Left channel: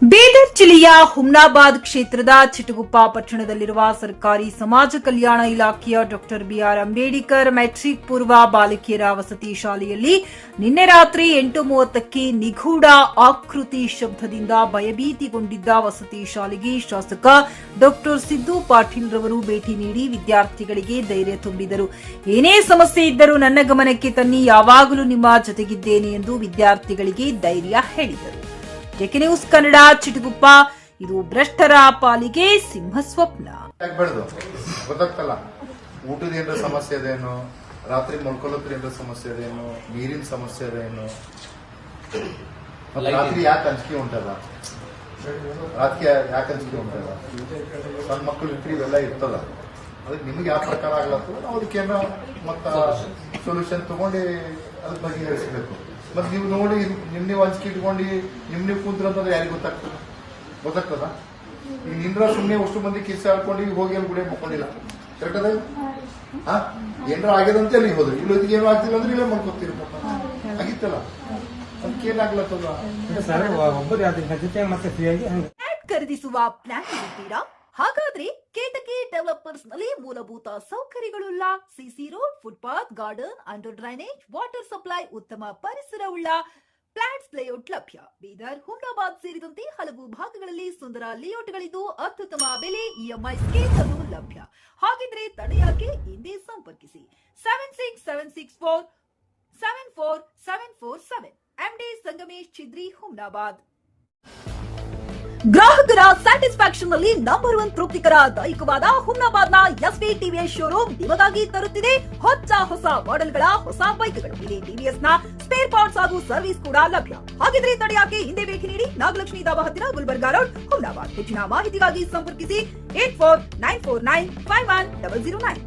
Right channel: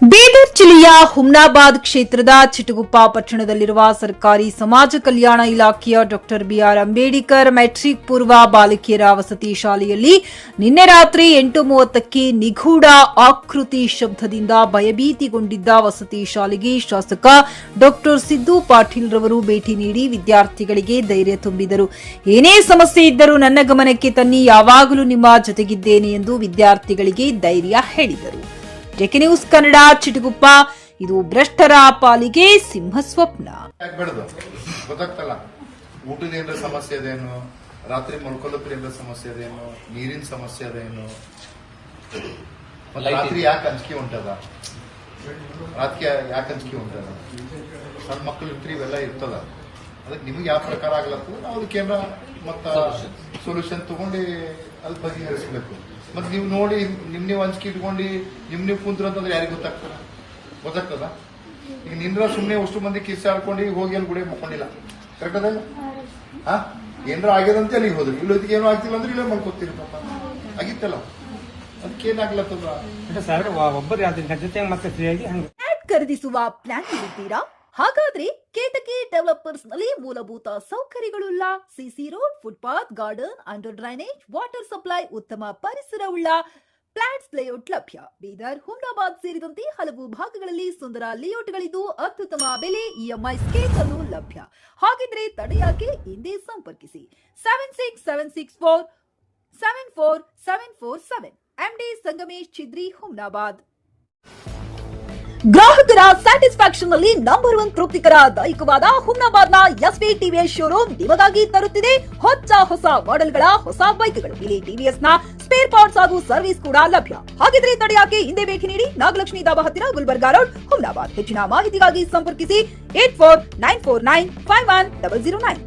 ಬೀದರ್ ಜಿಲ್ಲೆಯ ಹುಮ್ನಾಬಾದ್ ಕ್ಷೇತ್ರದ ಚಿಟಗುಪ್ಪ ಪಟ್ಟಣದಲ್ಲಿರುವ ಸರ್ಕಾರಿ ಸಮಾಜ ಕಲ್ಯಾಣ ಇಲಾಖೆಯ ಡಾಕ್ಟರ್ ಬಿಆರ್ ಅಂಬೇಡ್ಕರ್ ಮೆಟ್ರಿಕ್ ಪೂರ್ವ ಬಾಲಕಿಯರ ವಸತಿ ಶಾಲೆಯಲ್ಲಿ ನಿನ್ನೆ ರಾತ್ರಿ 8:30ಕ್ಕೆ ನಿಗೂಢ ಆಕೃತಿ ಶಬ್ದದಿಂದ ಭಯಭೀತಿಗೊಂಡಿದ್ದ ವಸತಿ ಶಾಲೆಗೆ ಶಾಸಕ ಡಾಕ್ಟರ್ ಸಿದ್ದು ಪಾಟೀಲ್ ರವರು ಭೇಟಿ ನೀಡಿ ವಿದ್ಯಾರ್ಥಿಗಳಿಗೆ ಧೈರ್ಯ ತುಂಬಿದರು. ಏನೇ ಸಮಸ್ಯೆ ಇದ್ದರೂ ನನ್ನ ಗಮನಕ್ಕೆ ತನ್ನಿ, ಯಾವಾಗಲೂ ನಿಮ್ಮ ಜೊತೆಗಿದ್ದೇನೆ ಎಂದು ವಿದ್ಯಾರ್ಥಿಗಳಿಗೆ ಧೈರ್ಯ ಹೇಳಿದರು. JK news Kannada Chitguppa. ಇದು ಭ್ರಷ್ಟರ ಪಾಲಿಗೆ ಸಿಂಹ ಸ್ವಪ್ನ. ಗೊತ್ತಾಗ್ತಲ್ಲ, ಊಟದ ಏನಾರ ಸಮಸ್ಯೆ ಅದೇನು, ರಾತ್ರಿ ಮಲ್ಕೊಳ್ಳೋದ್ರ ಏನಾರ ಸಮಸ್ಯೆ ಅದೇನು, ನೀರಿನ ಸಮಸ್ಯೆ ಅದೇನು, ರಾತ್ರಿ ಯಾಕೆ ಅಂಜಿಕೆ ಉಂಟದ, ರಾತ್ರಿ ಯಾಕೆ ಅಂಜಿಕೆ ಉಂಟದ, ಸಣ್ಣ ಮಕ್ಕಳು ಇರ್ತೀರಿ, ಇವೆಲ್ಲ ಇರ್ತದ. ಅದಕ್ಕೆ ನಿಮ್ಗೆ ಯಾವ ಪ್ರಕಾರ ಆಗ್ಲತ್ತದ ನಾವು ಅದಕ್ಕೇನ ಮತ್ತ ಸೊಲ್ಯೂಷನ್ ತಗೊಂಡು ಅದ್ರ ಬಗೆಹರಿಸಬೇಕು. ಮತ್ತೆ ನೀವು ನೋಡಿ ನೀವು ಅಂಜಿಕೆ ಇಟ್ಕೊಂಡು ನೀವು ಕುಂತ್ರ ಅಂತಂದ್ರೆ ಯಾರಿಗೆ ಗೊತ್ತಾಗ್ತದ? ಈಗ ನಿಂದ್ರ ಸುಮ್ಮನೆ ಅಷ್ಟು ಮಂದಿ ಕಿಸ್ ಹಾಕೊಂಡು ಹೋಗಿ ಅಲ್ಲಿ ಗುಡಿ ಮಕ್ಕೊಂಡಿಲ್ಲ. ಕರೆಕ್ಟ್ ಅದ? ಏನಾರ ಆಗ್ಯದಂತೆ ಅಲ್ಲಿಗೆ ಹೋದ್ರಿ, ಇಲ್ಲೊತ್ತಿಗೆ ಏನೂ ಆಗ್ತಿಲ್ಲ ಅಂದ್ರೆ ಇಲ್ಲೇ ಮಾಡ್ಕೊತೀರಿ. ಆಗಿತ್ತಲ್ಲ, ಅದಕ್ಕೇನಾಗ್ಲತ್ತದ? ಖರೀದಿಸುವ ಪ್ಲಾನ್ ಇರುತ್ತೀರಾ? ಹಾಗಾದ್ರೆ ಕೇತಕಿ ಡೆವಲಪರ್ಸ್ ನಲ್ಲಿ ಮೂಲಭೂತ ಸೌಕರ್ಯಗಳುಳ್ಳ CC road, footpath, garden, under drainage, water supply, ಉತ್ತಮ ಪರಿಸರವುಳ್ಳ ಫ್ಲಾಟ್ಸ್ ಲೇಔಟ್ ಲಭ್ಯ. ಬೀದರ್, ಹುಮ್ನಾಬಾದ್ ಸೇರಿದಂತೆ ಹಲವು ಭಾಗಗಳಲ್ಲಿ ಸುಂದರ ಲೇಔಟ್ಗಳಿದ್ದು ಅತ್ಯುತ್ತಮ ಬೆಲೆ, ಇಎಂಐ ಸ್ಕೀಮ್ಸ್ ಅನ್ನು ಲಭ್ಯ. ಹಾಗಿದ್ರೆ ತಡೆಯಾಕೆ? ಹಿಂದೆ ಸಂಪರ್ಕಿಸಿ 7676474747 ಎಂಡಿ ಸಂಗಮೇಶ್ ಚಿದ್ರಿ, ಹುಮ್ನಾಬಾದ್. ಗ್ರಾಹಕರ ಸ್ಯಾಟಿಸ್ಫ್ಯಾಕ್ಷನ್ ನಲ್ಲಿ ನಂಬರ್ 1 ತೃಪ್ತಿಕರ ದೈಹಿಕವಾದ ಹುಮ್ನಾಬಾದ್ನ ಎಸ್ವಿ ಟಿವಿಎಸ್ ಶೋರೂಮ್ ನಿಮಗಾಗಿ ತರುತ್ತಿದೆ ಹೊಸ ಮಾಡೆಲ್ಗಳ ಹೊಸ ಬೈಕ್ಗಳು. ಇಲ್ಲಿ ಟಿವಿಎಸ್ ನ ಸ್ಪೇರ್ ಪಾರ್ಟ್ಸ್ ಹಾಗೂ ಸರ್ವಿಸ್ ಕೂಡ ಲಭ್ಯ. ಹಾಗಿದ್ರೆ ತಡೆಯಾಕೆ? ಹಿಂದೆ ಭೇಟಿ ನೀಡಿ. ನಾಗಲಕ್ಷ್ಮಿ ಧಾಬಾ ಹತ್ತಿರ, ಗುಲ್ಬರ್ಗಾ ರೋಡ್, ಹುಮ್ನಾಬಾದ್. ಹೆಚ್ಚಿನ ಮಾಹಿತಿಗಾಗಿ ಸಂಪರ್ಕಿಸಿ 8494951009.